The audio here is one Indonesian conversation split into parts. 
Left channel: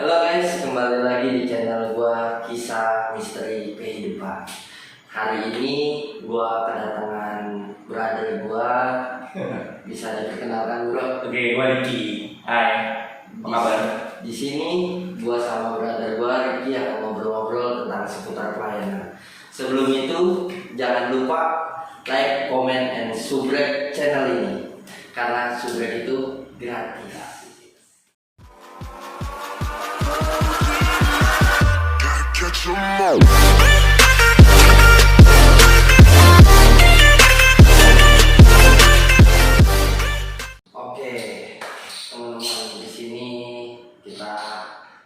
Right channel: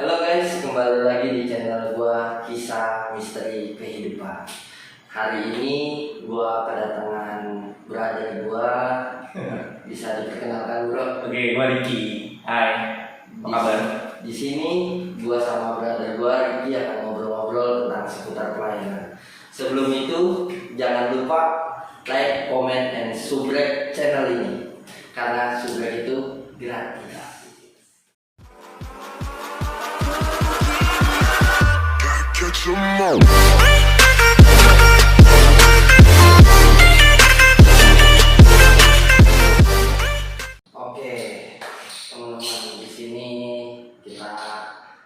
Halo guys, kembali lagi di channel gua Kisah Misteri Kehidupan. Hari ini gua kedatangan brother gua. Bisa diperkenalkan bro? Oke, gua Ricky. Hai. Apa kabar? Di sini gua sama brother gua Ricky akan ngobrol-ngobrol tentang seputar pelayanan. Sebelum itu jangan lupa like, comment, and subscribe channel ini karena subscribe itu gratis. Catch 'em all. Oke, teman-teman, di sini kita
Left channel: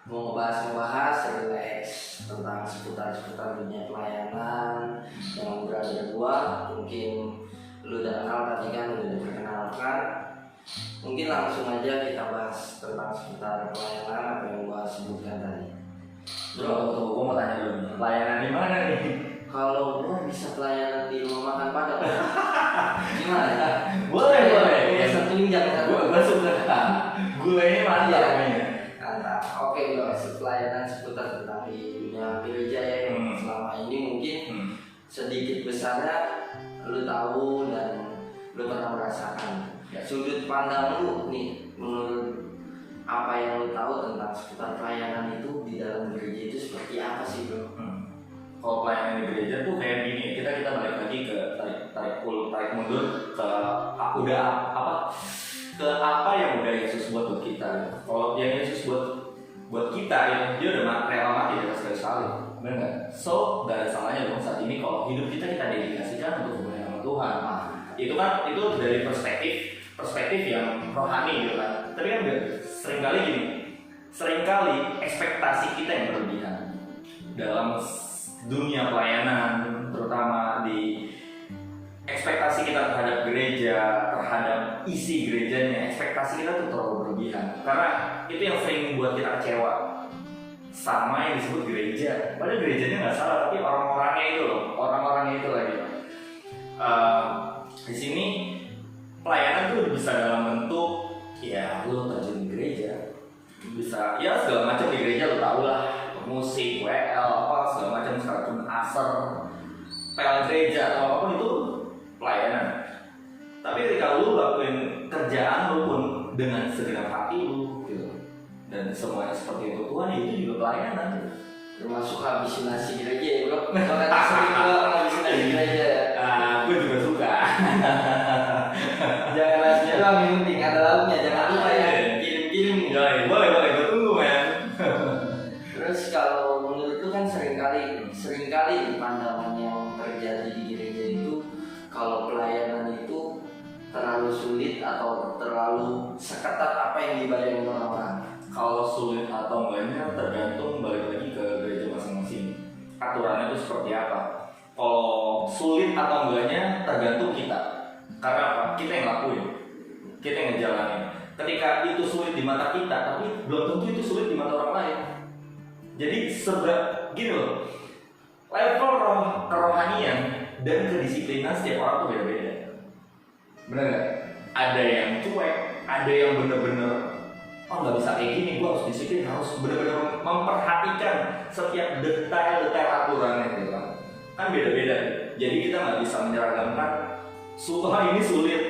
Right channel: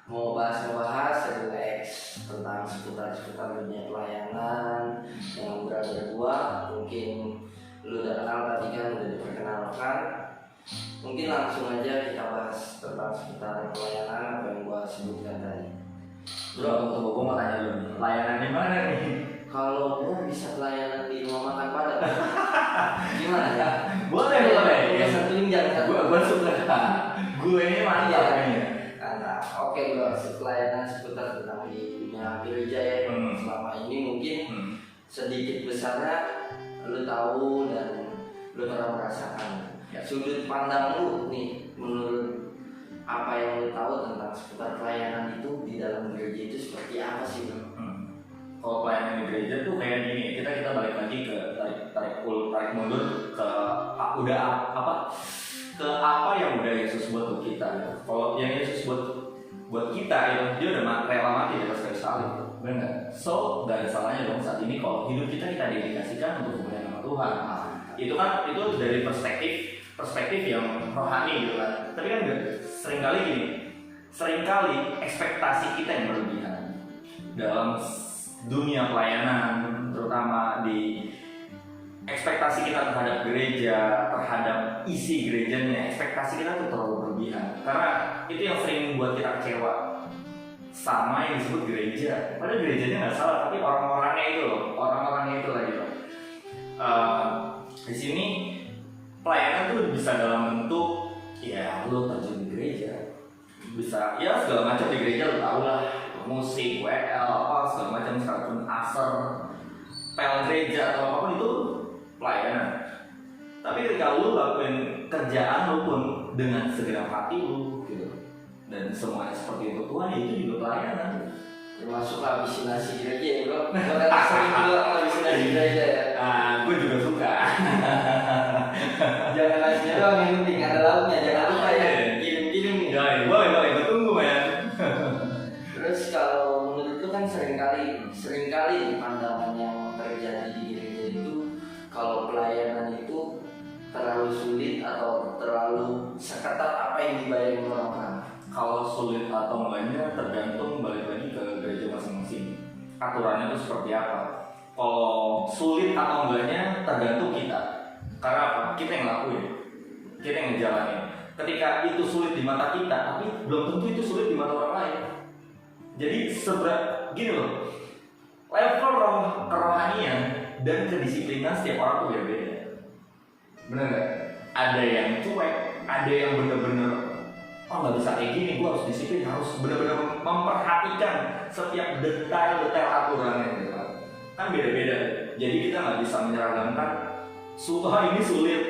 mau bahas relax tentang seputar dunia pelayanan dengan brother gua. Mungkin lu udah kenal tadi kan, udah diperkenalkan. Mungkin langsung aja kita bahas tentang seputar pelayanan apa yang gua sebutkan tadi. Bro, tunggu, gua mau tanya dulu nih. Pelayanan di mana nih? Kalau gua bisa pelayanan di rumah makan Padang, gimana? Boleh. Ya satu jangan. Gua suka. Gue ini mantap kayaknya. Mantap. Oke bro, pelayanan seputar tentang di dunia gereja ya yang selama ini mungkin sedikit besarnya lu tahu dan lu pernah merasakan. Ya. Sudut pandang lu nih menurut apa yang lu tahu tentang seputar pelayanan itu di dalam gereja itu seperti apa sih bro? Kalau pelayanan di gereja tuh kayak gini, kita balik lagi ke tarik mundur ke apa yang udah Yesus buat kita ya. Kalau yang Yesus buat kita ya, dia udah rela mati di atas kayu salib, benar nggak? So nggak ada salahnya dong saat ini kalau hidup kita dedikasikan untuk kemuliaan nama Tuhan. Itu dari perspektif yang rohani gitu kan. Tapi kan seringkali ekspektasi kita yang berlebihan dalam dunia pelayanan, terutama di ekspektasi kita terhadap gereja, terhadap isi gerejanya, ekspektasi kita tuh terlalu berlebihan. Karena itu yang sering membuat kita kecewa sama yang disebut gereja. Padahal gerejanya nggak salah, tapi orang-orangnya itu lagi. Di sini pelayanan tuh bisa dalam bentuk ya lu terjun di gereja, bisa ya segala macam di gereja lu tau lah, musik, WL, apa segala macam, sekalipun aser, pel gereja atau apapun itu pelayanan. Tapi ketika lu lakuin kerjaan lu pun dengan segenap hati lu gitu, dan semuanya seperti untuk Tuhan, itu juga pelayanan. Termasuk habisin nasi gereja ya bro? Bahkan sering juga habisin nasi gereja ya. Gue juga suka. Jangan nasinya doang yang penting, ada lauknya, jangan lupa ya. Kirim-kirim nih. Boleh, gue tunggu men. Terus kalau menurut lu kan seringkali pandangan yang terjadi di gereja itu kalau pelayanan itu terlalu sulit atau terlalu seketat apa yang dibayangkan orang-orang. Kalau sulit atau enggaknya tergantung balik lagi ke gereja masing-masing. Aturannya itu seperti apa? Kalau sulit atau enggaknya tergantung kita. Karena apa? Kita yang lakuin, kita yang ngejalanin. Ketika itu sulit di mata kita, tapi belum tentu itu sulit di mata orang lain. Jadi gini loh, level kerohanian dan kedisiplinan setiap orang tuh beda-beda. Bener gak? Ada yang cuek, ada yang bener-bener nggak bisa kayak gini, gue harus disiplin, harus bener-bener memperhatikan setiap detail aturannya gitu kan beda-beda. Jadi kita nggak bisa menyeragamkan ini sulit,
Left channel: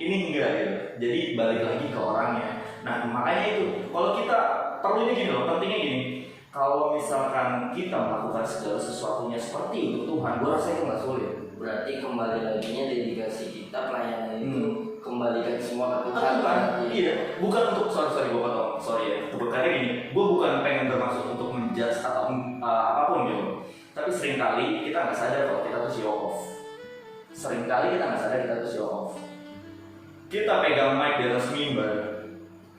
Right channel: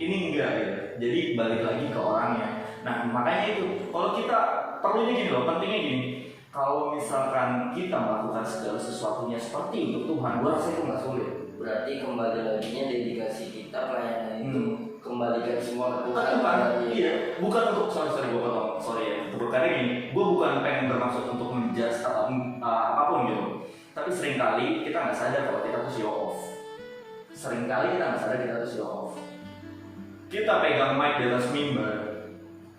ini enggak gitu. Jadi balik lagi ke orangnya. Nah makanya itu kalau kita perlunya gini loh, pentingnya gini. Kalau misalkan kita melakukan segala sesuatunya seperti untuk Tuhan, gue rasa itu nggak sulit. Berarti kembali laginya dedikasi kita pelayanan itu kembalikan semua ke Tuhan. Iya, bukan untuk karena gini, gue bukan pengen bermaksud untuk menjudge atau apapun gitu. Tapi seringkali kita nggak sadar kalau kita tuh show off. Kita pegang mic di atas mimbar,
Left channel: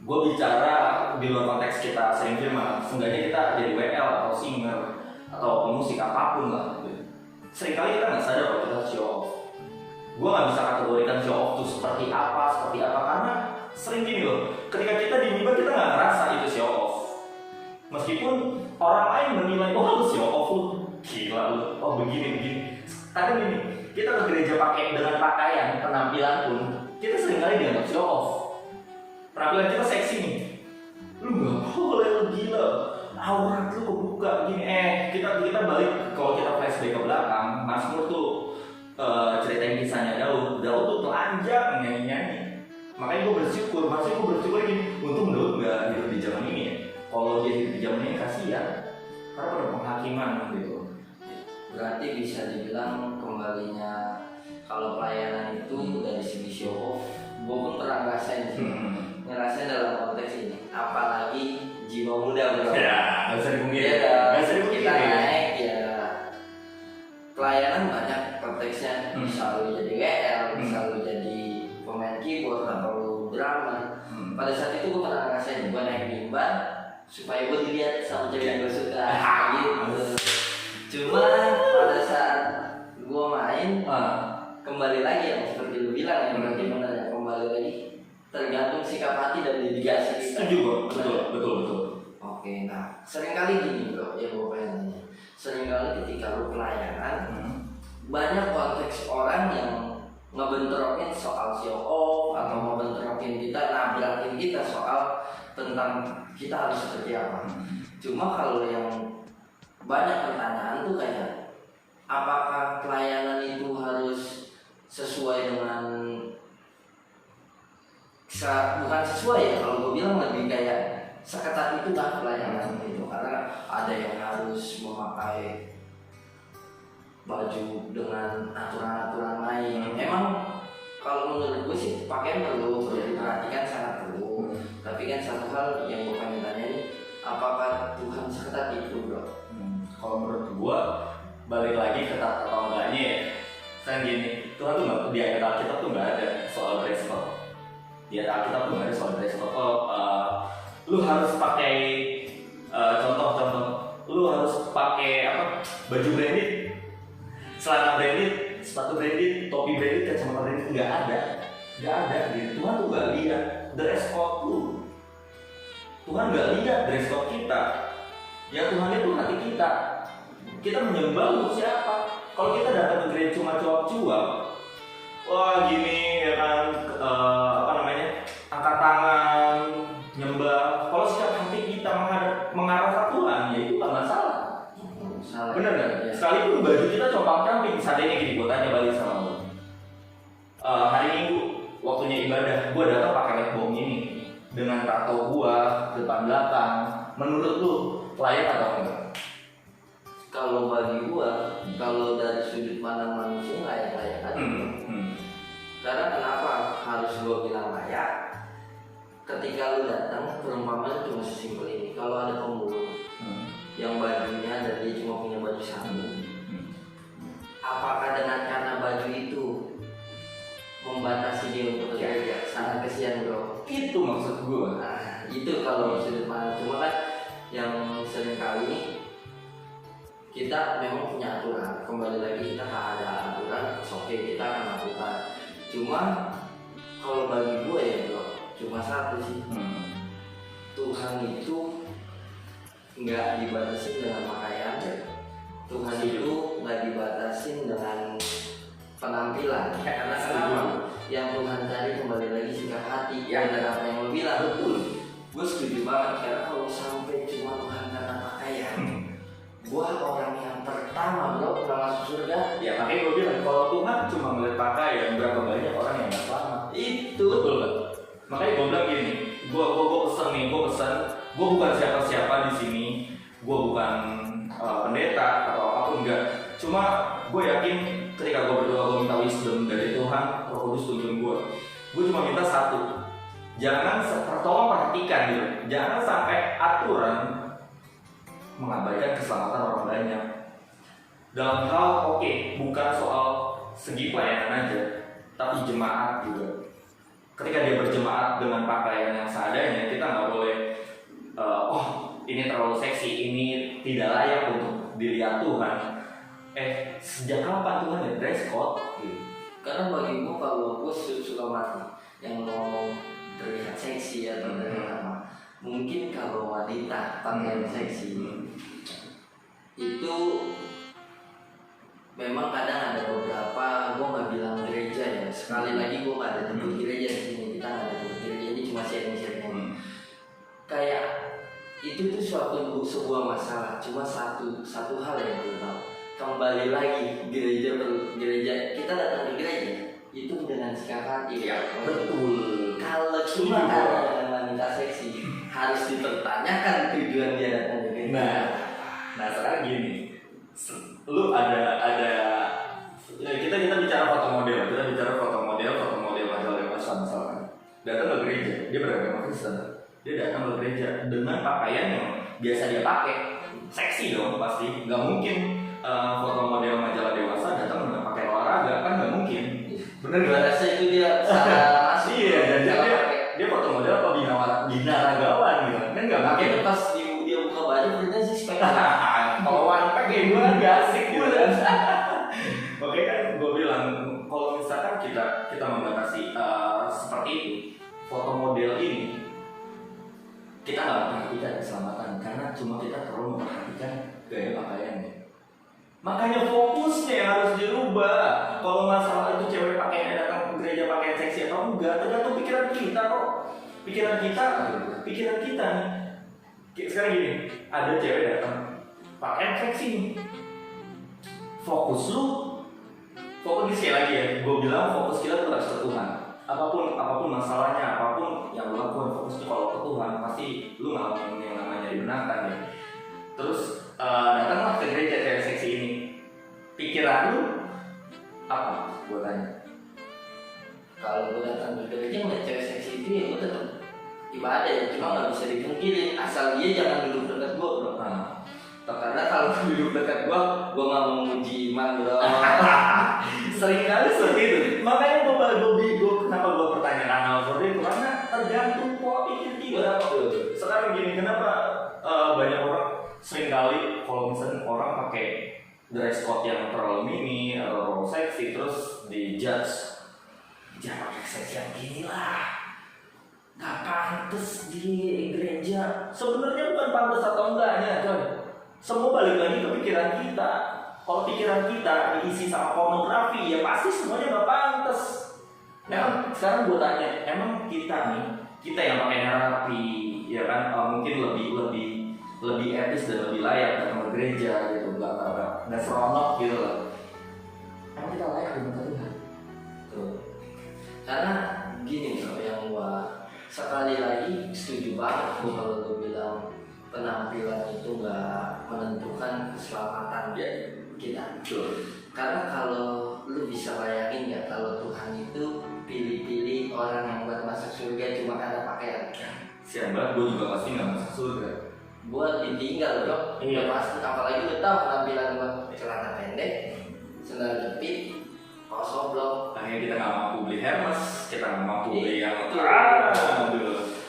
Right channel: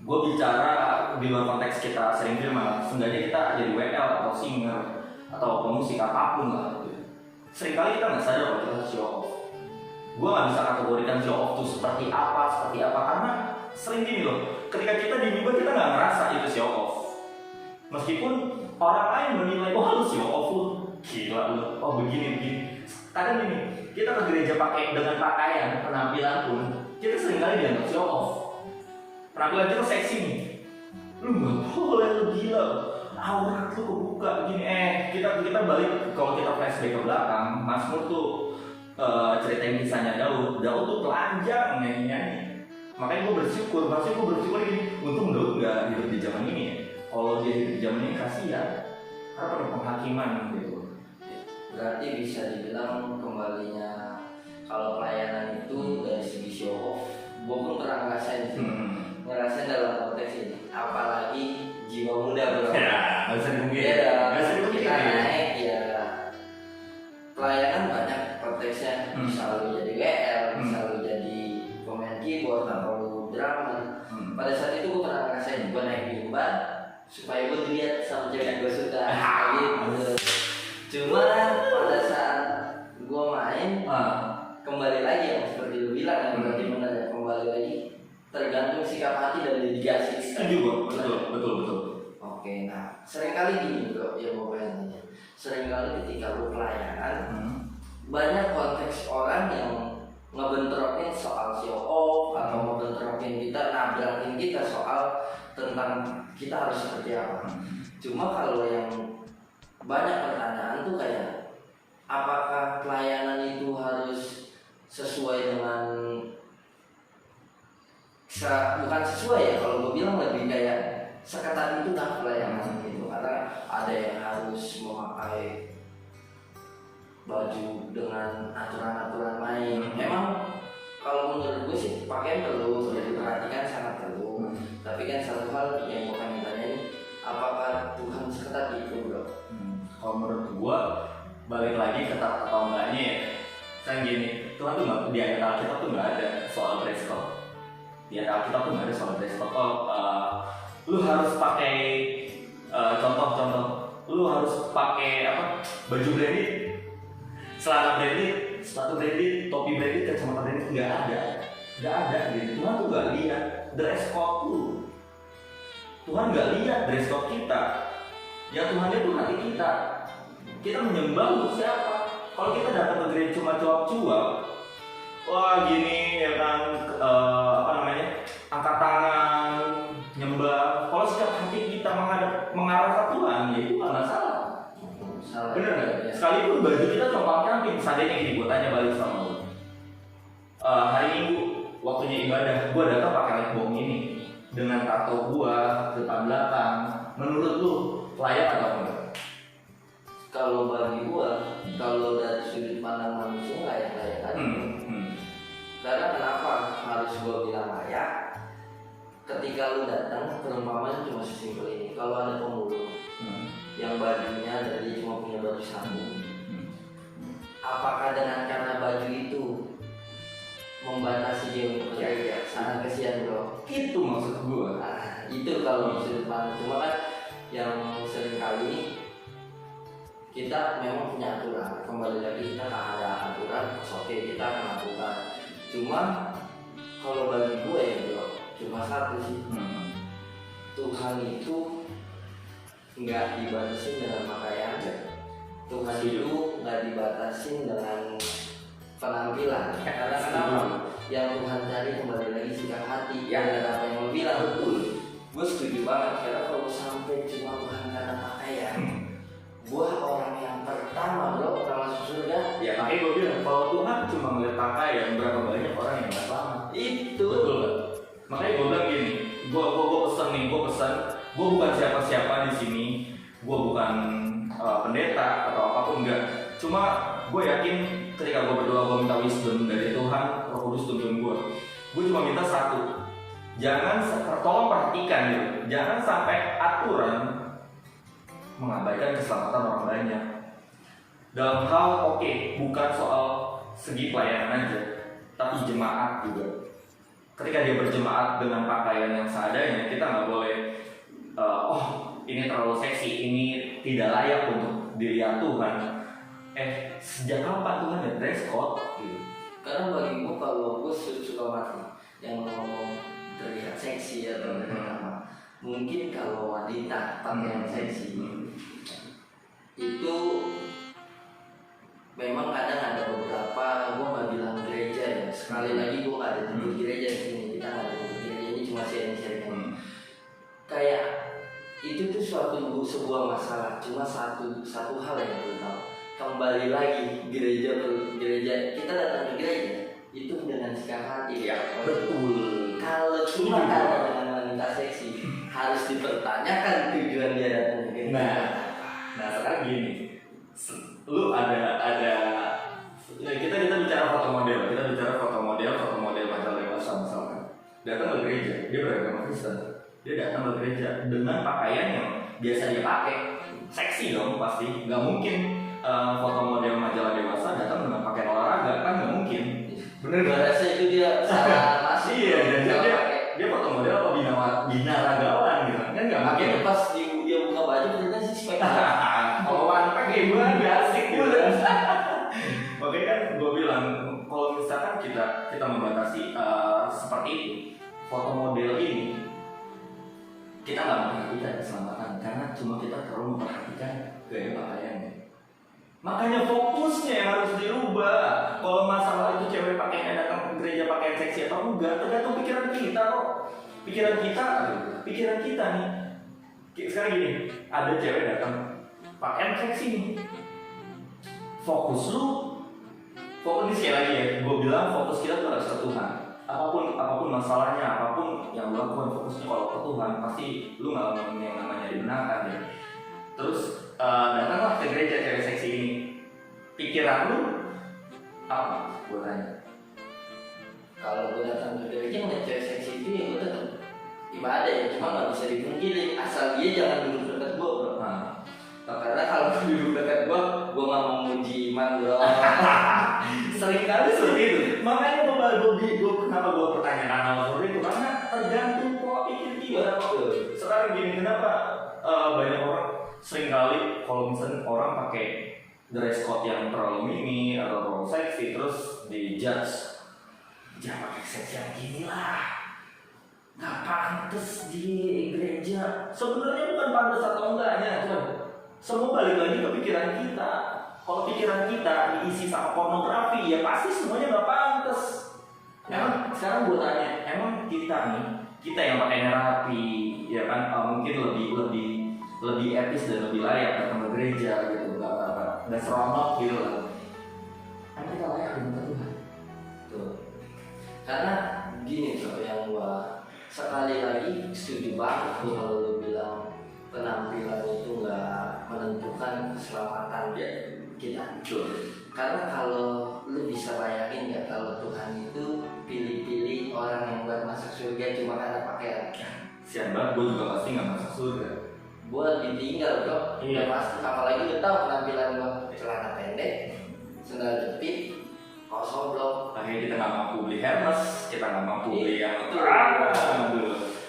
gue bicara di luar konteks kita sering firman, seenggaknya kita jadi WL atau singer atau pemusik apapun lah gitu. Seringkali kita nggak sadar kalau kita show off. Gue nggak bisa kategorikan show off itu seperti apa karena sering gini loh, ketika kita di mimbar kita nggak ngerasa itu show off. Meskipun orang lain menilai, lu show off lu, gila lu, begini. Kadang gini, kita ke gereja dengan pakaian, penampilan pun kita seringkali dianggap show off. Penampilan kita seksi nih, lu nggak boleh, lu gila aurat lu kebuka gini. Kita balik, kalau kita flashback ke belakang, Mazmur tuh ceritain kisahnya Daud tuh telanjang nyanyi. Makanya gue bersyukur gini, untung Daud gak hidup di zaman ini ya. Kalau dia hidup di zaman ini kasihan, karena pada penghakiman gitu. Berarti bisa dibilang kembalinya kalau pelayanan itu dari segi show off, gue pun pernah ngerasain sih. Ngerasain dalam konteks ini, apalagi jiwa muda bro. Ya, nggak usah dipungkiri. Beda. Nggak usah dipungkiri. Kita naik ya, pelayanan banyak konteksnya. Bisa lu jadi WL, bisa lu jadi pemain keyboard atau lu drummer. Pada saat itu gue pernah ngerasain, gue naik mimbar supaya gue dilihat sama cewek yang gue suka. Gitu. Cuma pada saat gue main, kembali lagi yang seperti lu bilang, yang berarti benar ya, kembali lagi tergantung sikap hati dan dedikasi kita. Setuju bro, betul. Oke, nah seringkali gini bro, ya gue pengen nanya. Seringkali ketika lu pelayanan, banyak konteks orang yang ngebentrokin soal show off atau ngebentrokin kita, nabrakin kita soal tentang kita harus seperti apa. Cuma kalau yang banyak pertanyaan tuh kayak, apakah pelayanan itu harus sesuai dengan bukan sesuai ya, kalau gue bilang lebih kayak seketat itu lah pelayanan gitu. Karena ada yang harus memakai baju dengan aturan-aturan main. Memang kalau menurut gue sih pakaian perlu diperhatikan, sangat perlu. Tapi kan satu hal yang gue pengen tanya ini, apakah Tuhan seketat itu bro? Kalau menurut gue, balik lagi ketat atau enggaknya ya. Kan gini, Tuhan tuh nggak, di ayat Alkitab tuh nggak ada soal dress code. Di ayat Alkitab tuh nggak ada soal dress code. Lu harus pakai contoh-contoh. Lu harus pakai baju branded, celana branded, sepatu branded, topi branded, kacamata branded, nggak ada gitu. Tuhan tuh nggak lihat dress code lu. Tuhan nggak lihat dress code kita. Ya Tuhan itu hati kita. Kita menyembah lu siapa? Kalau kita datang ke gereja cuma cuap-cuap, wah gini ya kan, angkat tangan, nyembah. Kalau setiap hati kita mengarah ke Tuhan, ya itu nggak masalah. Bener nggak? Ya. Sekalipun baju kita compang-camping, misalnya gini, gue tanya balik sama lu. Hari Minggu, waktunya ibadah, gue datang pakai lekbong ini dengan tato gue depan belakang. Menurut lu layak atau enggak? Kalau bagi gua, kalau dari sudut pandang manusia layak-layak aja. Karena kenapa harus gua bilang layak? Ketika lu datang, perumpamaan cuma sesimpel ini. Kalau ada pemulung yang bajunya dari cuma punya baju satu, apakah dengan karena baju itu membatasi dia untuk bekerja? Sangat kesian bro. Itu maksud gua. Nah, itu kalau sudut pandang. Cuma kan yang sering kali kita memang punya aturan, kembali lagi kita ada aturan, oke kita akan lakukan. Cuma kalau bagi gue ya bro, cuma satu sih, Tuhan itu nggak dibatasi dengan pakaian, Tuhan itu nggak dibatasi dengan penampilan. Karena kenapa? Yang Tuhan cari kembali lagi sikap hati. Ya dan apa yang lo bilang betul, gue setuju banget. Karena kalau sampai cuma Tuhan karena pakaian, gua orang yang pertama bro kalau masuk surga. Ya makanya gue bilang, kalau Tuhan cuma melihat pakaian, berapa banyak orang yang gak selamat. Itu betul kan? Makanya gue bilang gini, gue pesan, gue bukan siapa-siapa di sini, gue bukan pendeta atau apapun, enggak. Cuma gue yakin ketika gue berdoa, gue minta wisdom dari Tuhan, Roh Kudus tuntun gue. Gue cuma minta satu, jangan tolong perhatikan gitu, jangan sampai aturan mengabaikan keselamatan orang banyak. Dalam hal bukan soal segi pelayanan aja, tapi jemaat juga. Ketika dia berjemaat dengan pakaian yang seadanya, kita nggak boleh ini terlalu seksi, ini tidak layak untuk dilihat Tuhan. Sejak kapan Tuhan ya dress code? Gitu. karena bagi gua kalau gua suka mati yang ngomong terlihat seksi atau apa. Mungkin kalau wanita pakaian seksi itu memang kadang ada beberapa, gue nggak bilang gereja ya, sekali lagi gue nggak ada nyebut gereja di sini, kita nggak ada nyebut gereja, ini cuma sharing. Kayak itu tuh sebuah masalah. Cuma satu hal yang gue tahu, kembali lagi gereja kita datang ke gereja itu dengan sikap hati. Iya, betul. Kalau cuma ada wanita seksi, harus dipertanyakan tujuan dia datang ke gereja. Nah sekarang gini, lu ada kita bicara foto model majalah dewasa misalkan, datang ke gereja, dia beragama Kristen, dia datang ke gereja dengan pakaian yang biasa dia pakai, seksi dong pasti, nggak mungkin foto model majalah dewasa datang dengan pakaian olahraga, kan nggak mungkin, bener Gua nggak? rasa itu dia salah masuk. Iya, dan Salah dia pakai. foto model apa binaragawan gitu, kan nggak mungkin. Makanya pas dia buka baju ternyata sih spek. Kalau one pack kayak gue gak asik gitu kan. Oke kan gue bilang kalau misalkan kita membatasi seperti itu, foto model ini kita nggak memperhatikan keselamatan karena cuma kita perlu memperhatikan gaya pakaiannya. Makanya fokusnya yang harus dirubah. Kalau masalah itu cewek pakaiannya datang ke gereja pakaian seksi atau enggak, tergantung pikiran kita kok. Pikiran kita nih. Sekarang gini, ada cewek datang pakaian seksi nih. Fokus ini sekali lagi ya, gue bilang fokus kita tuh harus ke Tuhan. Apapun masalahnya, apapun yang lu lakukan, fokusnya kalau ke Tuhan, pasti lu ngalamin yang namanya dibenarkan ya. Terus datanglah ke gereja cewek seksi ini. Pikiran lu apa? Gue tanya. Kalau gue datang ke gereja ngeliat cewek seksi itu ya gue tetap ibadah ya, cuma nggak bisa dipungkiri asal dia jangan duduk dekat gue bro. Karena kalau duduk dekat gue nggak mau memuji iman bro. Sering kali seperti itu. Makanya gue kenapa gue pertanyaan hal seperti itu, karena tergantung pola pikir kita. Sekarang gini, kenapa banyak orang sering kali kalau misalnya orang pakai dress code yang terlalu mini atau terlalu seksi terus dijudge, jangan pakai seksi yang gini lah, nggak pantas di gereja. Sebenarnya bukan pantas atau enggaknya kan, semua balik lagi ke pikiran kita. Kalau pikiran kita diisi sama pornografi, ya pasti semuanya nggak pantas. Emang sekarang gue tanya, emang kita yang pakainya rapi, ya kan mungkin lebih etis dan lebih layak datang ke gereja gitu, nggak seronok gitu lah. Emang kita layak di muka Tuhan? Tuh. Karena gini bro, yang gua sekali lagi setuju banget kalau lu bilang penampilan itu nggak menentukan keselamatan kita. Karena kalau lu bisa bayangin nggak kalau Tuhan itu pilih-pilih orang yang buat masuk surga cuma karena pakaian. Sian banget, gue juga pasti nggak masuk surga. Gue ditinggal bro, Iya. pasti. Apalagi udah tahu penampilan gue celana pendek, sandal jepit, kaos oblong. Makanya kita nggak mampu beli Hermes, kita nggak mampu beli yang Itu.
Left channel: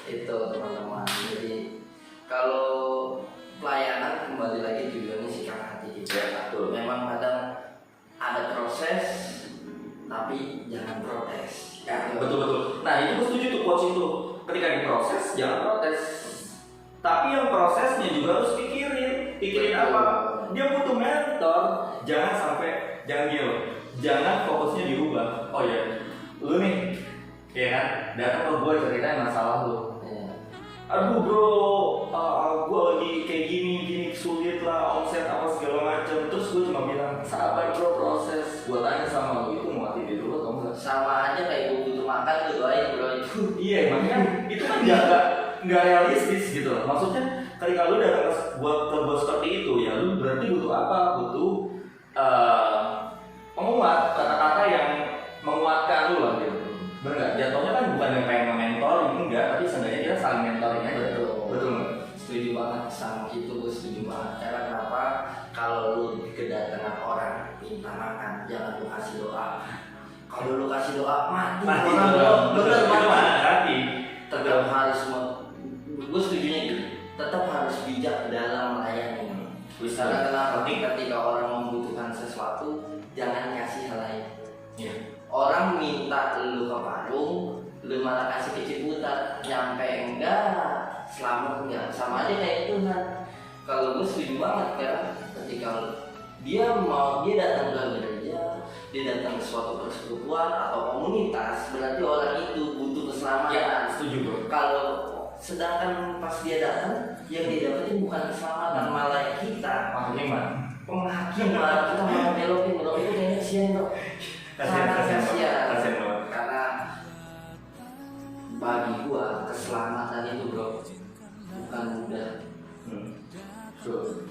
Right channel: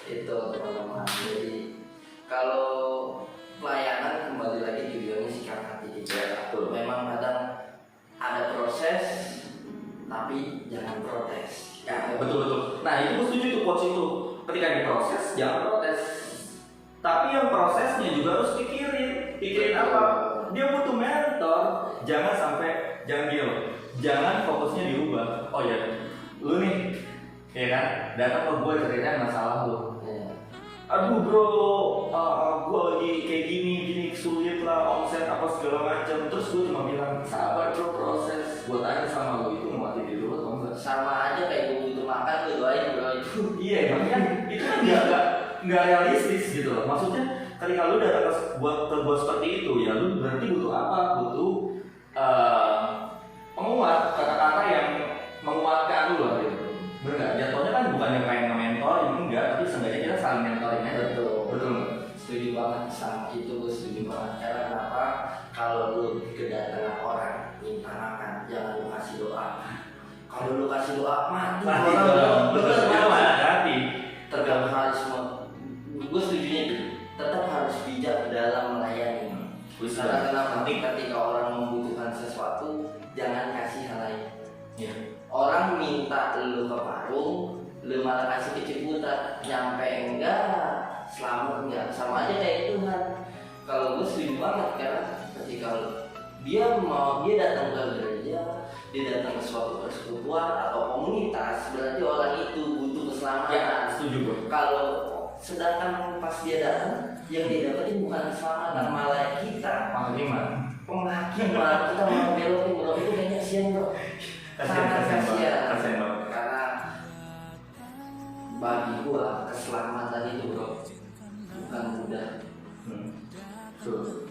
Itu teman-teman. Jadi kalau pelayanan kembali lagi tujuannya sikap hati kita. Memang kadang ada proses, tapi jangan protes. Ya, betul. Nah itu gue setuju tuh quotes itu. Ketika diproses, jangan protes. Tapi yang prosesnya juga harus pikirin apa? Dia butuh mentor. Jangan jangan fokusnya dirubah. Oh ya, lu nih, ya kan, datang ke gue ceritain masalah lu. Aduh bro, gue lagi kayak gini sulit lah, omset apa segala macam. Terus gue cuma bilang sabar bro, proses. Gue tanya sama lu, itu mau mati dulu atau enggak? Sama aja kayak gue butuh makan lu doain bro itu. Iya, makanya itu kan nggak realistis gitu loh. Maksudnya ketika lu datang ke buat seperti itu, ya lu berarti butuh apa? Butuh penguat, kata-kata yang menguatkan lu lah gitu. Benar, jatuhnya kan bukan yang pengen nge-mentoring, enggak, tapi seenggaknya kita saling mentoring aja. Betul nggak? Setuju banget sama itu, gue setuju banget. Karena kenapa? Kalau lu kedatangan orang minta makan, jangan lu kasih doa. Kalau lu kasih doa mati orang, bener mati. Tetap harus, gue setuju gitu. Tetap harus bijak dalam melayani. Karena kenapa? Ketika orang membutuhkan sesuatu, jangan kasih hal lain. Iya. Orang minta lu ke warung, lu malah kasih keciputan, nyampe enggak, selamat enggak, sama aja kayak Tuhan. Kalau gue setuju banget karena ketika dia datang ke gereja, dia datang ke suatu persekutuan atau komunitas, berarti orang itu butuh keselamatan. Ya, setuju bro. Kalau sedangkan pas dia datang yang dia dapetin bukan keselamatan, malah kita penghakiman, kita malah belokin bro. Itu kayaknya kasihan bro. Kasihan banget. Karena bagi gua keselamatan itu bro bukan mudah.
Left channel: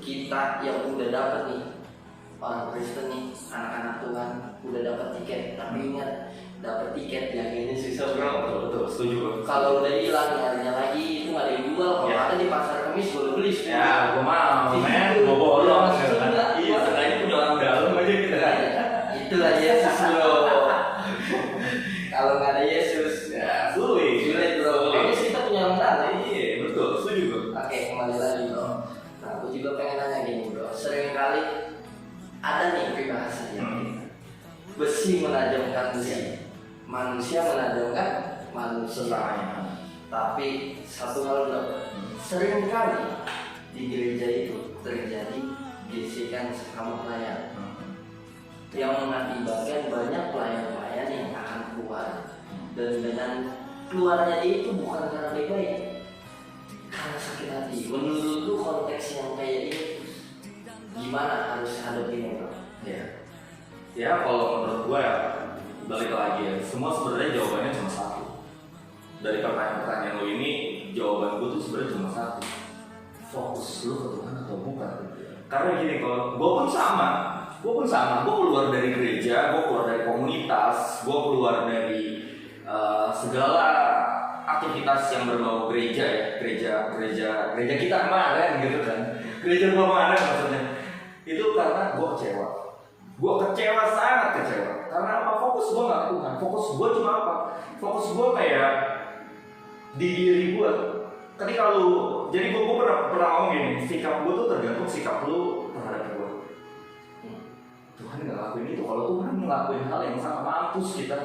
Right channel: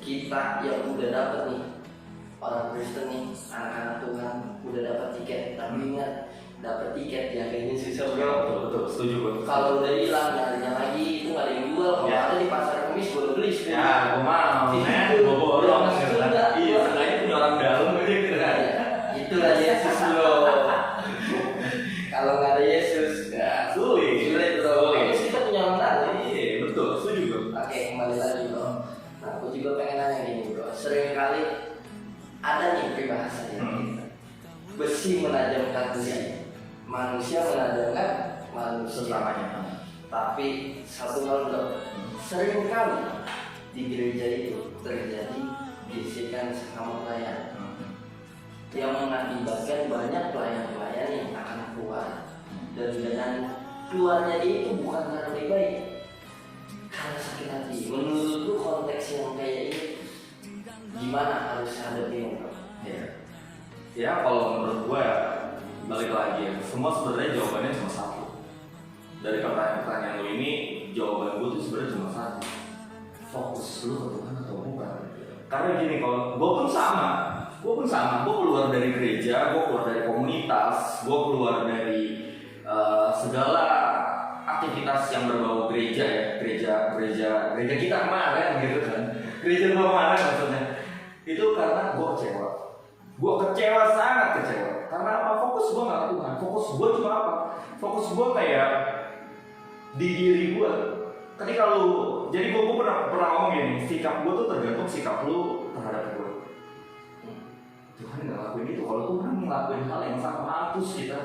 Kita yang udah dapet nih, orang Kristen nih, anak-anak Tuhan udah dapet tiket, tapi ingat dapet tiket yang ini susah bro. Betul, setuju bro. Kalau udah hilang nyarinya lagi itu nggak ada yang jual. Kalau Ya. ada di pasar Kemis boleh beli. Ya, gue mau, men, gue borong gitu kan. Iya, seenggaknya punya orang dalam aja gitu kan. Itulah Yesus bro. Kalau nggak ada Yesus, Ya, sulit bro. Sulit. Terus kita punya orang dalam. Iya, betul, setuju bro. Oke, kembali lagi bro. Nah, aku juga pengen nanya gini bro. Sering kali ada nih peribahasanya. Besi menajamkan besi, manusia menajamkan manusia. Selamanya. Tapi satu hal bro, sering kali di gereja itu terjadi gesekan sesama pelayan yang mengakibatkan banyak pelayan-pelayan yang akan keluar, dan dengan keluarnya dia itu bukan karena baik-baik, karena sakit hati. Menurut lu konteks yang kayak ini gimana harus hadapinnya bro? Ya, kalau menurut gue ya, balik lagi ya, semua sebenarnya jawabannya cuma satu. Dari pertanyaan-pertanyaan lo ini, jawaban gue tuh sebenarnya cuma satu. Fokus lu ke Tuhan atau bukan? Karena gini, kalau gue pun sama, gue keluar dari gereja, gue keluar dari komunitas, gue keluar dari segala aktivitas yang berbau gereja ya, gereja kita kemarin gitu kan, gereja gue kemarin maksudnya, itu karena gue kecewa. Gue kecewa, sangat kecewa. Karena apa? Fokus gue nggak ke Tuhan. Fokus gue cuma apa? Fokus gue kayak di diri gue. Ketika lu, jadi gue pernah ngomong gini, sikap gue tuh tergantung sikap lu terhadap gue. Tuhan nggak lakuin itu. Kalau Tuhan ngelakuin hal yang sangat mampus kita.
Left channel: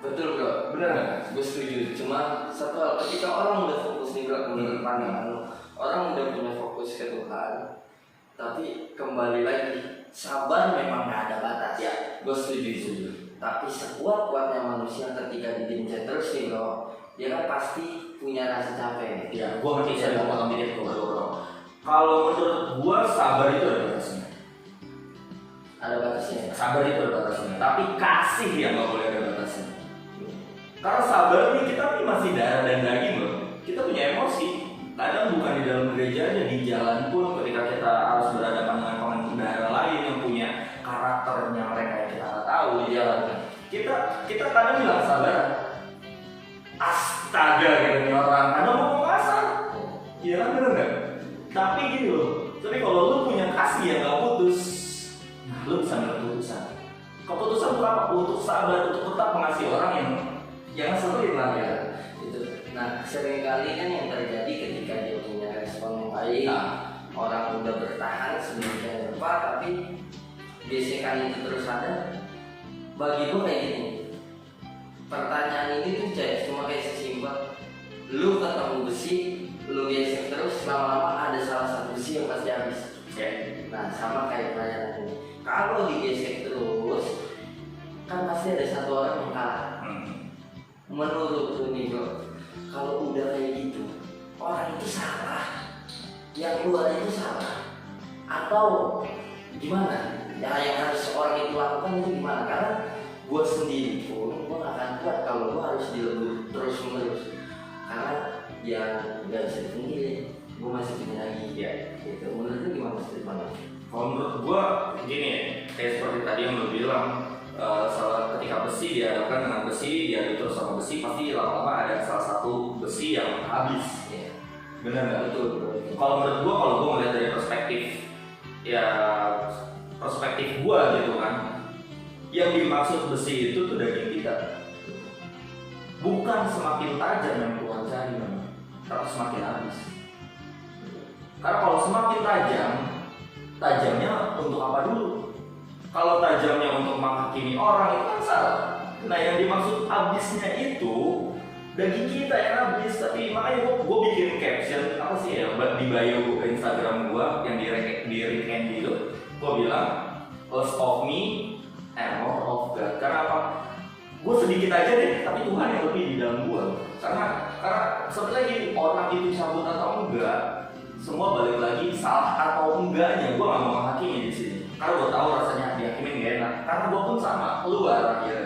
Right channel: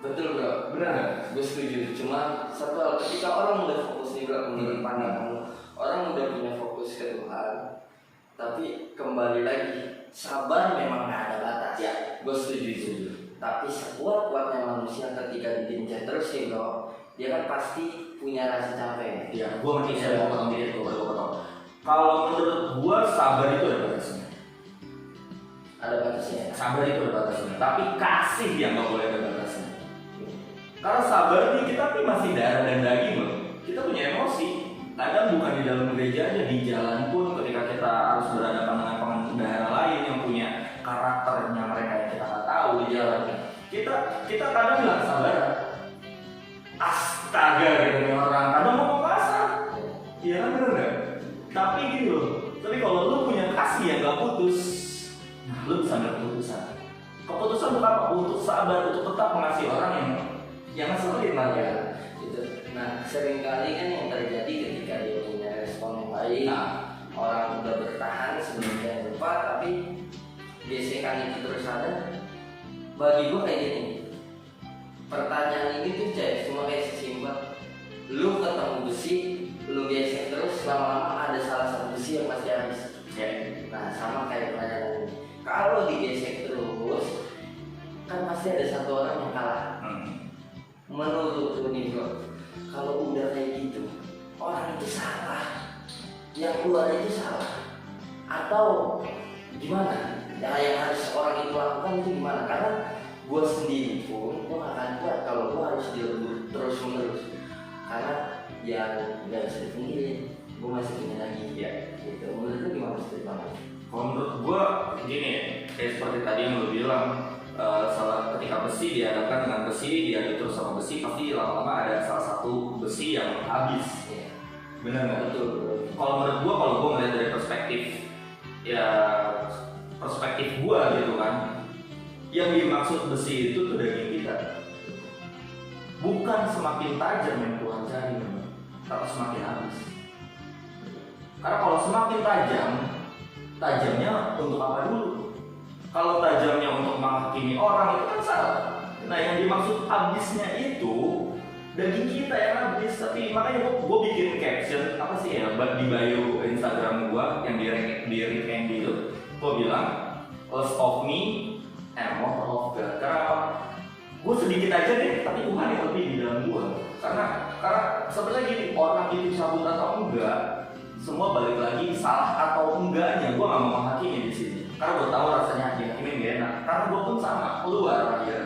Betul bro, benar, gue setuju. Cuma satu hal, ketika orang udah fokus nih bro, menurut pandangan lu, orang udah punya fokus ke Tuhan, tapi kembali lagi, sabar memang gak ada batas ya. Gue setuju. Tapi sekuat-kuatnya manusia ketika dibincang terus nih bro, dia kan pasti punya rasa capek. Ya, gue ngerti saya mau potong diri, gue potong. Kalau menurut gue sabar itu ada batasnya. Ada batasnya. Sabar itu ada batasnya. Tapi kasih yang nggak boleh ada batasnya. Karena sabar ini kita nih masih darah dan daging loh. Kita punya emosi. Kadang bukan di dalam gereja aja, di jalan pun ketika kita harus berhadapan dengan pengendara lain yang punya karakternya mereka yang kita nggak tahu di jalan. Kita kadang bilang sabar. Astaga gitu nih orang. Kadang ngomong kasar. Iya kan bener nggak? Tapi gini loh. Tapi kalau lu punya kasih yang nggak putus, lu bisa ambil keputusan. Keputusan untuk apa? Untuk sabar, untuk tetap mengasihi orang yang ngeselin lah ya. Gitu. Nah, seringkali kan yang terjadi ketika dia punya respon yang baik, orang udah bertahan sebelumnya lupa, tapi gesekan itu terus ada. Bagi gue kayak gini, pertanyaan ini tuh cuma kayak sesimpel, lu ketemu besi, lu gesek terus, lama-lama ada salah satu besi yang pasti habis. Nah, sama kayak pertanyaan ini, kalau digesek terus, kan pasti ada satu orang yang kalah. Menurut lu nih bro, kalau udah kayak gitu, orang itu salah, yang keluar itu salah, atau gimana? Yang harus orang itu lakukan itu gimana? Karena gue sendiri pun, gue gak akan kuat kalau gue harus dilebur terus menerus. Karena ya gak bisa dipungkiri, gue masih punya lagi ya. Gitu. Menurut lu gimana ceritanya? Kalau menurut gua gini, kayak seperti tadi yang lu bilang, ketika besi dihadapkan dengan besi, dia terus sama besi, pasti lama-lama ada salah satu besi yang habis. Ya. Benar nggak? Betul. Kalau menurut gua melihat dari perspektif gua gitu kan, yang dimaksud besi itu tuh daging kita, bukan semakin tajam yang keluar jari, tapi semakin habis. Karena kalau semakin tajamnya untuk apa dulu? Kalau tajamnya untuk menghakimi orang itu kan salah. Nah, yang dimaksud habisnya itu daging kita yang habis. Tapi makanya gue bikin caption apa sih ya di bio Instagram gue yang di retain gitu. Gue bilang less of me and more of God. Karena apa? Gue sedikit aja deh, tapi Tuhan yang lebih di dalam gue. Karena Karena sebenarnya gini, orang itu cabut atau enggak, semua balik lagi salah atau enggaknya. Gue nggak mau menghakimi di sini. Karena gue tahu rasanya dihakimin gak enak. Karena gue pun sama keluar ya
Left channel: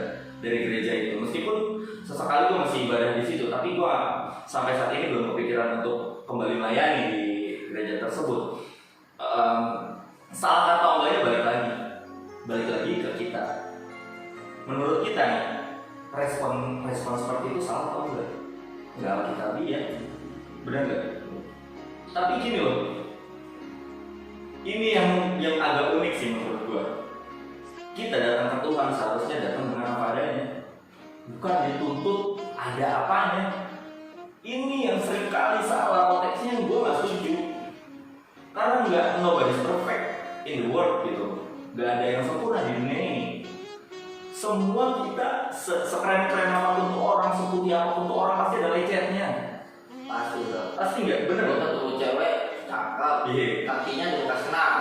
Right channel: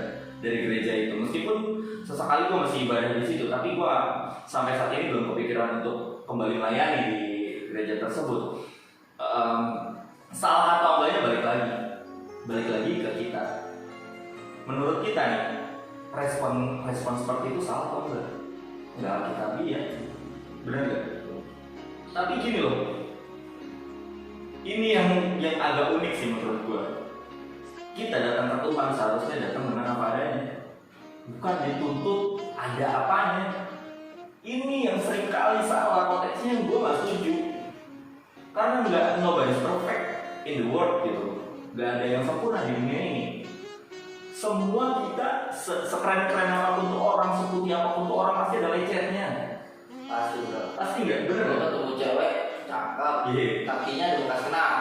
dari gereja itu. Meskipun sesekali gue masih ibadah di situ, tapi gue sampai saat ini belum kepikiran untuk kembali melayani di gereja tersebut. Salah atau enggaknya balik lagi ke kita. Menurut kita nih, respon seperti itu salah atau enggak? Enggak kita lihat, benar nggak? Tapi gini loh, ini yang agak unik sih menurut gue. Kita datang ke Tuhan seharusnya datang dengan apa adanya, bukan dituntut ada apanya. Ini yang seringkali salah konteksnya yang gue nggak setuju. Karena nobody's perfect in the world gitu. Gak ada yang sempurna di dunia ini. Semua kita sekeren-keren apapun tuh orang, seputih apapun tuh orang pasti ada lecetnya. Pasti nggak bener. Kalau ketemu cewek cakep, kakinya udah bekas kenal.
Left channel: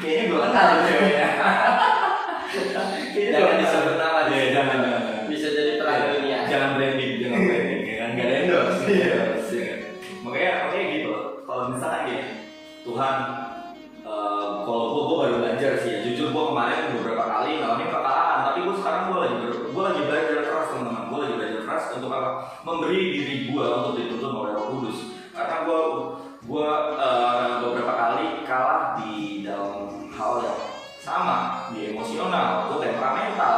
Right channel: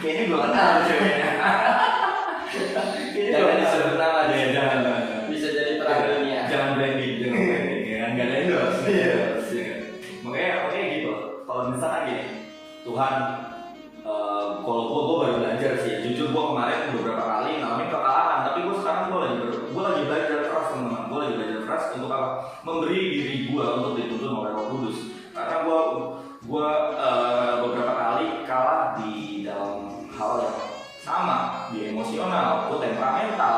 Kayaknya gue kenal ceweknya. Jangan disebut nama deh. Jangan. Bisa jadi terang dunia. Jangan branding kan nggak ada endorse. Makanya gitu. Kalau misalkan gini, Tuhan, kalau gue baru belajar sih ya. Jujur gue kemarin beberapa kali ngalamin kekalahan, tapi gue sekarang gue lagi belajar keras teman-teman. Gue lagi belajar keras untuk apa? Memberi diri gue untuk dituntun oleh Roh Kudus. Karena gue beberapa kali kalah di dalam hal yang sama, di emosional, gue temperamental.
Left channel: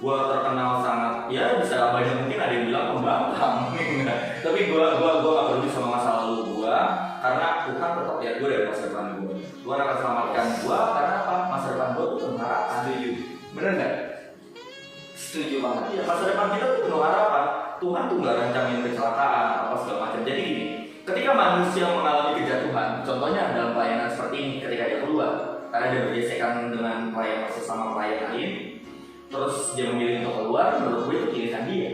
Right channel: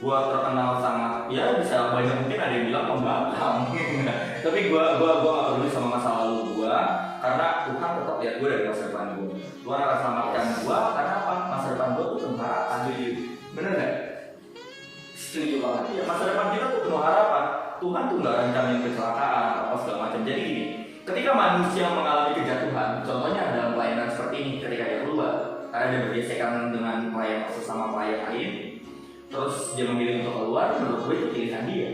Gue terkenal sangat, ya bisa banyak mungkin ada yang bilang pembangkang. Tapi gue gak peduli sama masa lalu gue, karena Tuhan tetap lihat gue dari masa depan gue. Tuhan akan selamatkan gue karena apa? Masa depan gue tuh penuh harapan. Setuju. Bener nggak? Setuju banget. Ya, masa depan kita tuh penuh harapan. Tuhan tuh nggak rencanain kecelakaan apa segala macam. Jadi gini, ketika manusia mengalami kejatuhan, contohnya dalam pelayanan seperti ini, ketika dia keluar, karena dia bergesekan dengan pelayan sesama pelayan lain, terus dia memilih untuk keluar, menurut gue itu pilihan dia.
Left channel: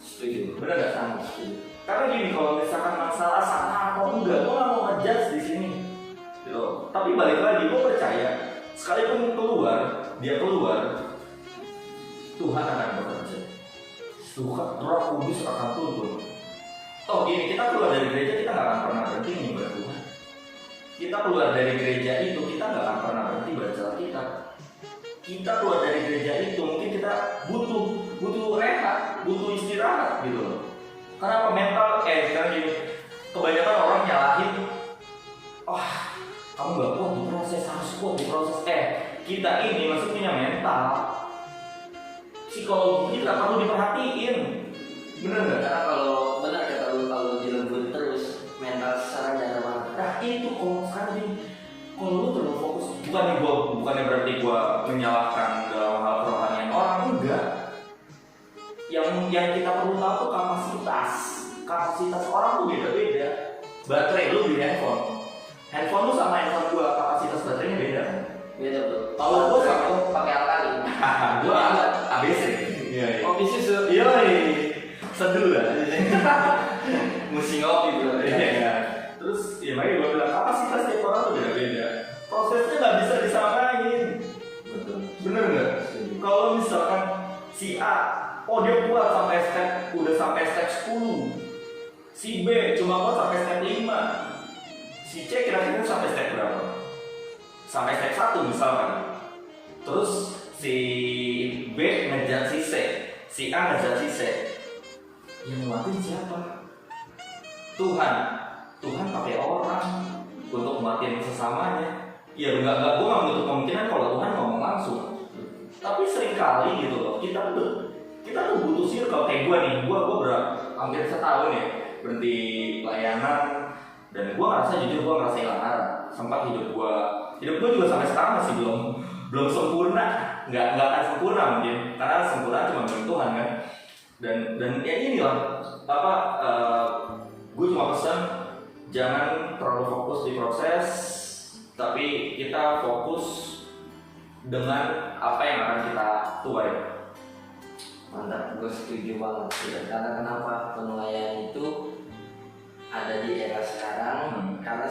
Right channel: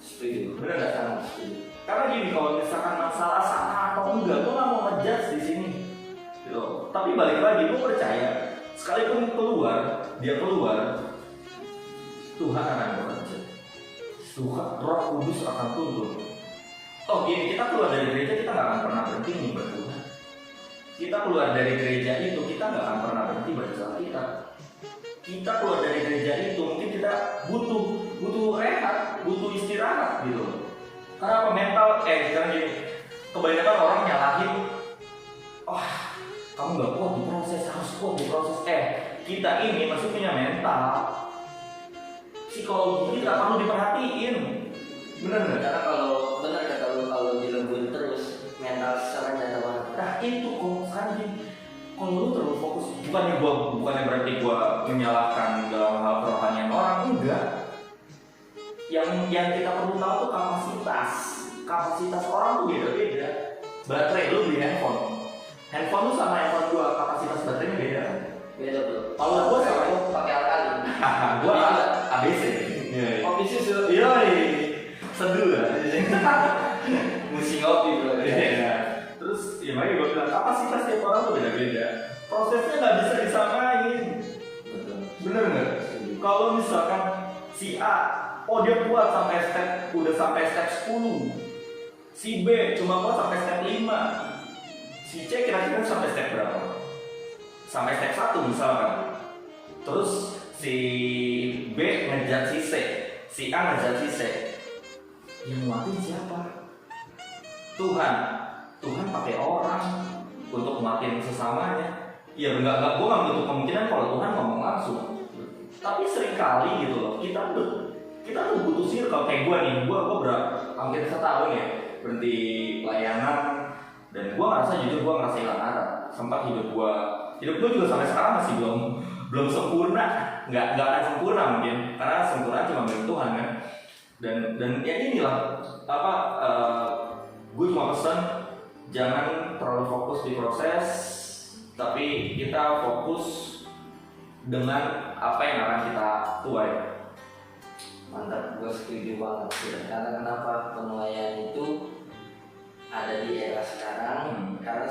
Setuju. Bener nggak? Sama setuju. Karena gini, kalau misalkan masalah salah atau enggak, gue nggak mau ngejudge di sini. Yo, tapi balik lagi, gue percaya sekalipun dia keluar, Tuhan akan bekerja. Tuhan, Roh Kudus akan turun. Oh gini, kita keluar dari gereja, kita nggak akan pernah berhenti nih berdoa. Kita keluar dari gereja itu, kita nggak akan pernah berhenti baca Alkitab. Kita keluar dari gereja itu, mungkin kita butuh rehat, butuh istirahat gitu loh. Karena apa? Mental, sekarang gini, kebanyakan orang nyalahin, kamu nggak kuat di proses, harus kuat di proses. Kita ini masih punya mental, psikologi kita perlu diperhatiin. Bener nggak? Karena kalau benar kata lu, kalau dilembur terus mental secara jatuh banget. Nah itu kok sekarang ini, kalau lu terlalu fokus, bukannya berarti gua menyalahkan dalam hal kerohanian orang, enggak. Yang kita perlu tahu tuh kapasitas orang tuh beda-beda. Baterai lu di handphone lu sama handphone gua, kapasitas baterainya beda. Beda bro. Kalau gua sama lu pakai alkali. gua ABC. Iya. Kopi susu. Iya. Seduh lah. Musim ngopi bro. Iya. Terus ya makanya gua bilang kapasitas tiap orang tuh beda-beda. Prosesnya nggak bisa disamain. Betul. Bener nggak? Kalau misalkan si A, dia kuat udah sampai step 10. Si B cuma kuat sampai step 5. Si C kira-kira sampai step berapa? Sampai step 1 misalkan. Terus si B ngejar si C, si A ngejar si C. Yang nguatin siapa? Tuhan pakai orang untuk nguatin sesamanya. Ya gue nggak menutup kemungkinan kalau Tuhan ngomong langsung. Tapi seringkali gitu loh, kita tuh butuh circle. Kayak gue nih, gue hampir setahun ya berhenti pelayanan, dan gue ngerasa hilang arah. Sempat hidup gue juga sampai sekarang masih belum sempurna, nggak akan sempurna mungkin, karena sempurna cuma milik Tuhan kan. Dan ya inilah gue cuma pesan, jangan terlalu fokus di proses, tapi kita fokus dengan apa yang akan kita tuai. Mantap, gue setuju banget. Karena kenapa penilaian itu ada di era sekarang? Karena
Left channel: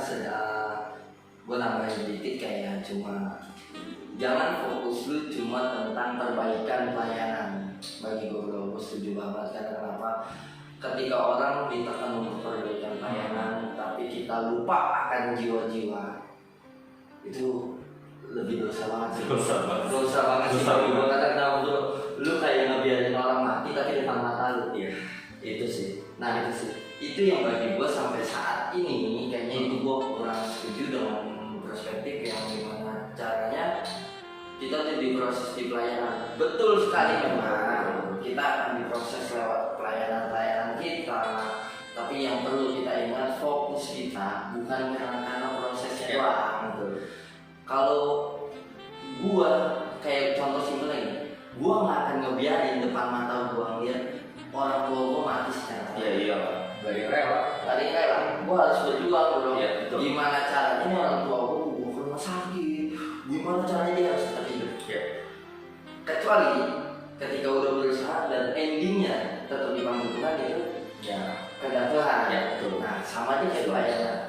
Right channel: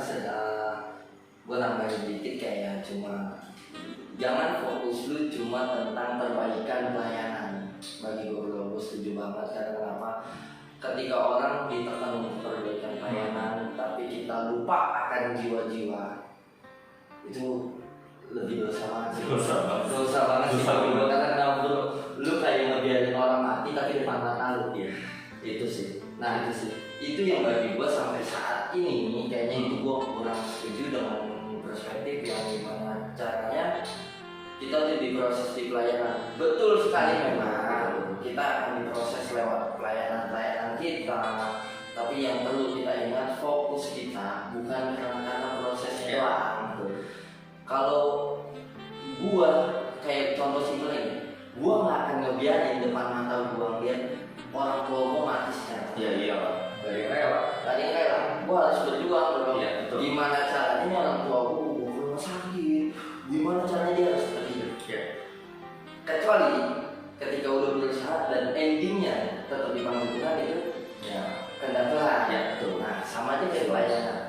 gue nambahin dikit kayak cuma jangan fokus lu cuma tentang perbaikan pelayanan. Bagi gue setuju banget. Karena kenapa? ketika orang ditekan untuk perbaikan pelayanan tapi kita lupa akan jiwa-jiwa, itu lebih dosa banget sih. Dosa banget sih. Karena bro, lu kayak ngebiarin orang mati tapi depan mata lu. Iya. Itu sih. Nah itu sih. Itu yang bagi gue sampai saat ini kayaknya itu gue kurang setuju dengan perspektif yang gimana caranya kita tuh diproses di pelayanan. Betul sekali memang kita akan diproses lewat pelayanan kita. Tapi yang perlu kita ingat fokus kita bukan karena prosesnya doang. Kalau gua kayak contoh simpelnya ini, gua nggak akan ngebiarin depan mata gua ngeliat orang tua gua mati secara Iya. Dari rela. tadi kayak gua harus berjuang bro. Iya, betul. Gimana caranya orang tua gua ke rumah sakit, gimana caranya dia harus tetap hidup. Iya. Kecuali ketika udah berusaha dan endingnya tetap dipanggil Tuhan itu Ya. kehendak Tuhan. Ya, betul. Nah sama aja kayak pelayanan.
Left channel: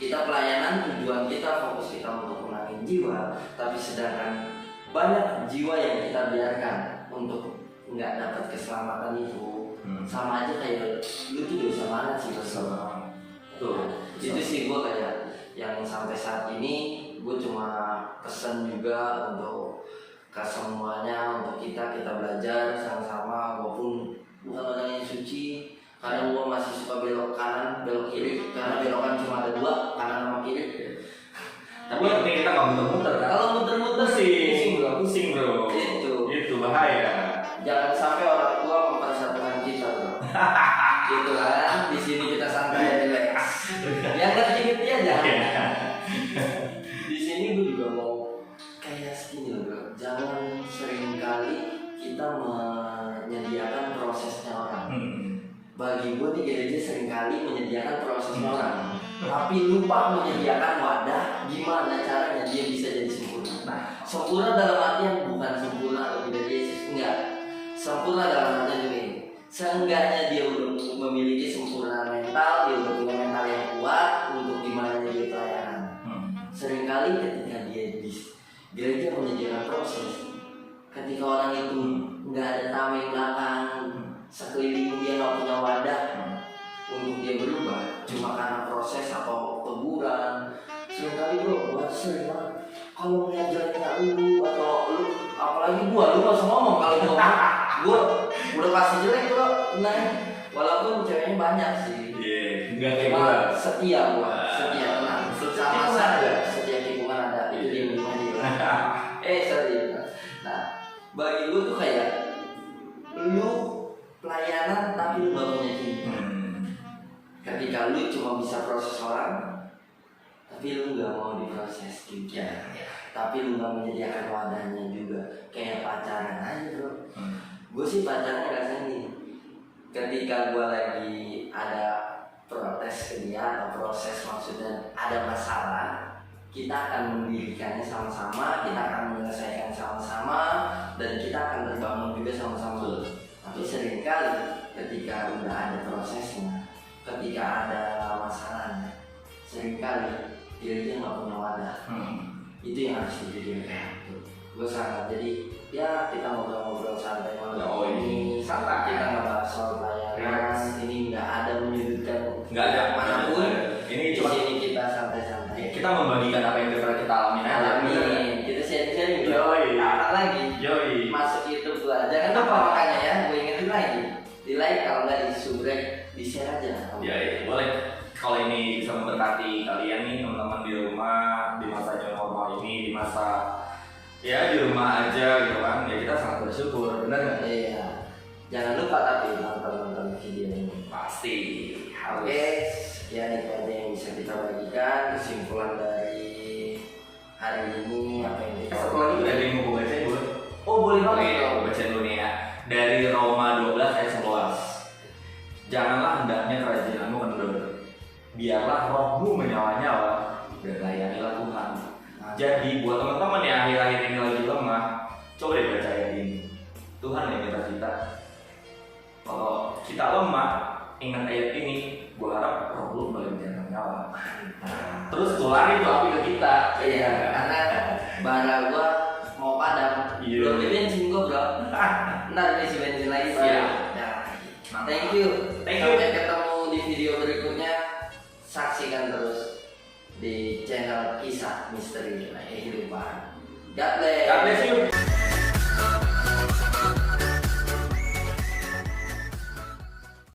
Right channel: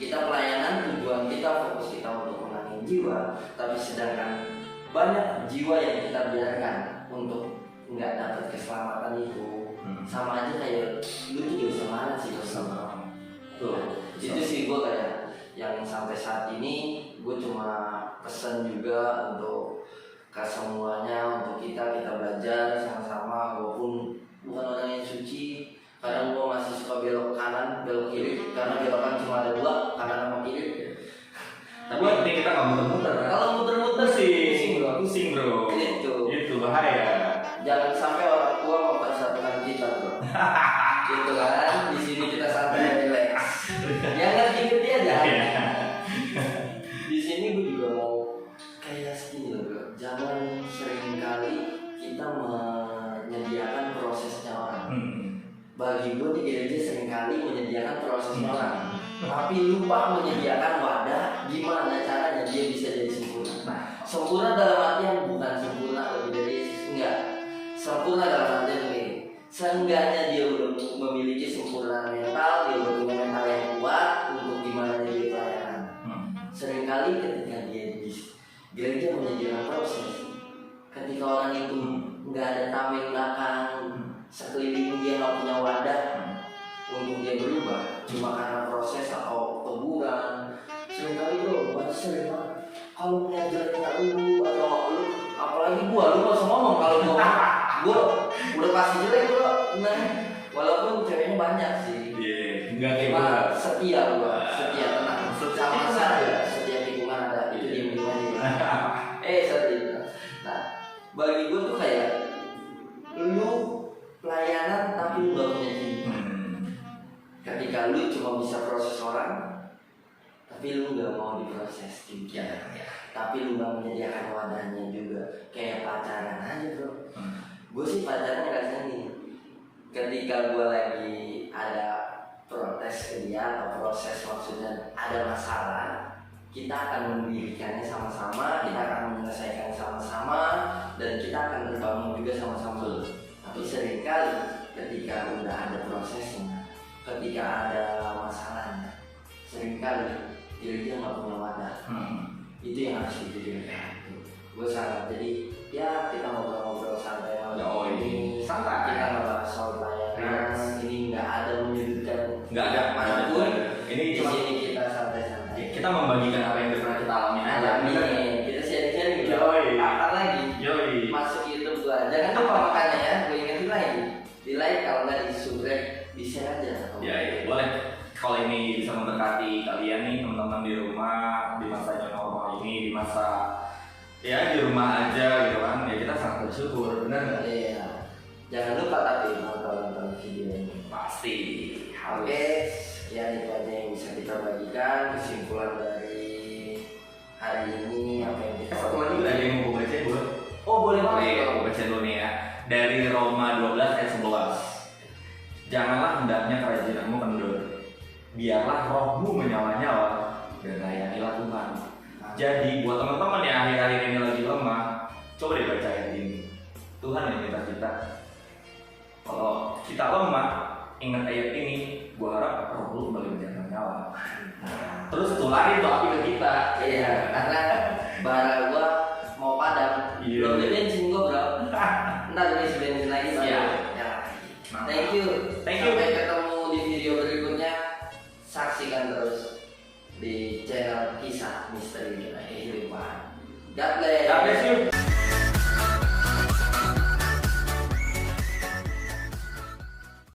Kita pelayanan tujuan kita fokus kita untuk menangin jiwa, tapi sedangkan banyak jiwa yang kita biarkan untuk nggak dapat keselamatan itu. Sama aja kayak lu tuh dosa mana sih dosa. Tuh, itu sih gue kayak yang sampai saat ini gue cuma pesan juga untuk ke semuanya, untuk kita belajar sama-sama walaupun bukan orang yang suci. Kadang gue masih suka belok kanan, belok kiri karena belokan cuma ada dua, kanan sama kiri. Tapi ini kita nggak muter-muter kan? Kalau muter-muter Pusing bro. Itu bahaya. Jangan sampai orang tua mempersatukan kita bro. Gitu kan, di sini kita santai relax. Ya nggak dikit aja. Di sini gue juga mau kayak segini loh bro. Jangan sering kali kita menyediakan prosesnya orang. Bagi gue di gereja seringkali menyediakan prosesnya orang, tapi lupa menyediakan wadah gimana caranya dia bisa jadi sempurna. Nah, sempurna dalam artian bukan sempurna lebih dari Yesus, enggak. Sempurna dalam artian ini, seenggaknya dia udah memiliki sempurna mental, dia udah punya mental yang kuat untuk gimana dia pelayanan. Seringkali ketika dia di gereja menyediakan proses, ketika orang itu nggak ada tameng belakang, sekeliling dia nggak punya wadah untuk dia berubah cuma karena proses atau teguran. Seringkali bro, sering banget kalau mengajarnya lu atau lu, apalagi lu nggak usah ngomong kalau gua udah pasti jelek bro. Nah, walaupun ceweknya banyak sih, Enggak kayak cuma gua. setia tenang sama saja setia hubungan ada itu di minuman setia. Nah, bagi gua tuh kayak lu pelayanan tapi lu gak punya cinta. Ketika lu cuma bisa proses orang tapi lu gak mau diproses juga, tapi lu gak menyediakan wadahnya juga. Kayak pacaran aja bro. Gue sih pacaran rasanya nih, ketika gue lagi ada protes ke dia atau proses, maksudnya ada masalah, kita akan mendirikannya sama-sama, kita akan menyelesaikan sama-sama, dan kita akan terbangun juga sama-sama. Tapi seringkali ketika udah ada prosesnya, ketika ada masalahnya, seringkali dia nggak punya wadah. Itu yang harus dipikirkan. Gue sangat jadi ya kita ngobrol-ngobrol santai malam ini. Santai. Kita ngebahas soal pelayanan. Ini nggak ada menyudutkan. Nggak ada manapun. Ini Di cuma sini kita santai-santai. kita membagikan apa yang pernah kita alami aja. Kita sharing-sharing. Yoi. Apa lagi? Yoi. Masuk YouTube gua. Jangan lupa makanya ya. Gue ingetin lagi. Di like kalau nggak di subscribe, di share aja. Ya, boleh. Kalau ini bisa memberkati kalian nih teman-teman di rumah di masa new normal ini, di masa ya di rumah aja gitu kan, ya kita sangat bersyukur, benar nggak? Iya. Jangan lupa tapi nonton video ini. Pasti. Oke, ya itu aja yang bisa kita bagikan. Kesimpulan dari hari ini apa yang kita. Satu lagi ada yang mau gue baca gue. Oh boleh banget. Oke, gue baca dulu nih ya. Dari Roma 12 ayat 11. Janganlah hendaknya kerajinanmu kendor. Biarlah rohmu menyala-nyala dan layanilah Tuhan. Jadi buat teman-teman yang akhir-akhir ini lagi lemah, coba deh baca ayat ini. Tuhan yang minta kita. Kalau kita lemah, ingat ayat ini, gua harap roh lu kembali menyala-nyala. Terus tularin tuh api ke kita. Iya, karena bara gua mau padam. Iya. Belum beli bensin gua bro. Ntar isi bensin lagi baru Iya. nyala. Nah, Thank you. Thank you di channel kisah misteri kehidupan. God bless. God bless you.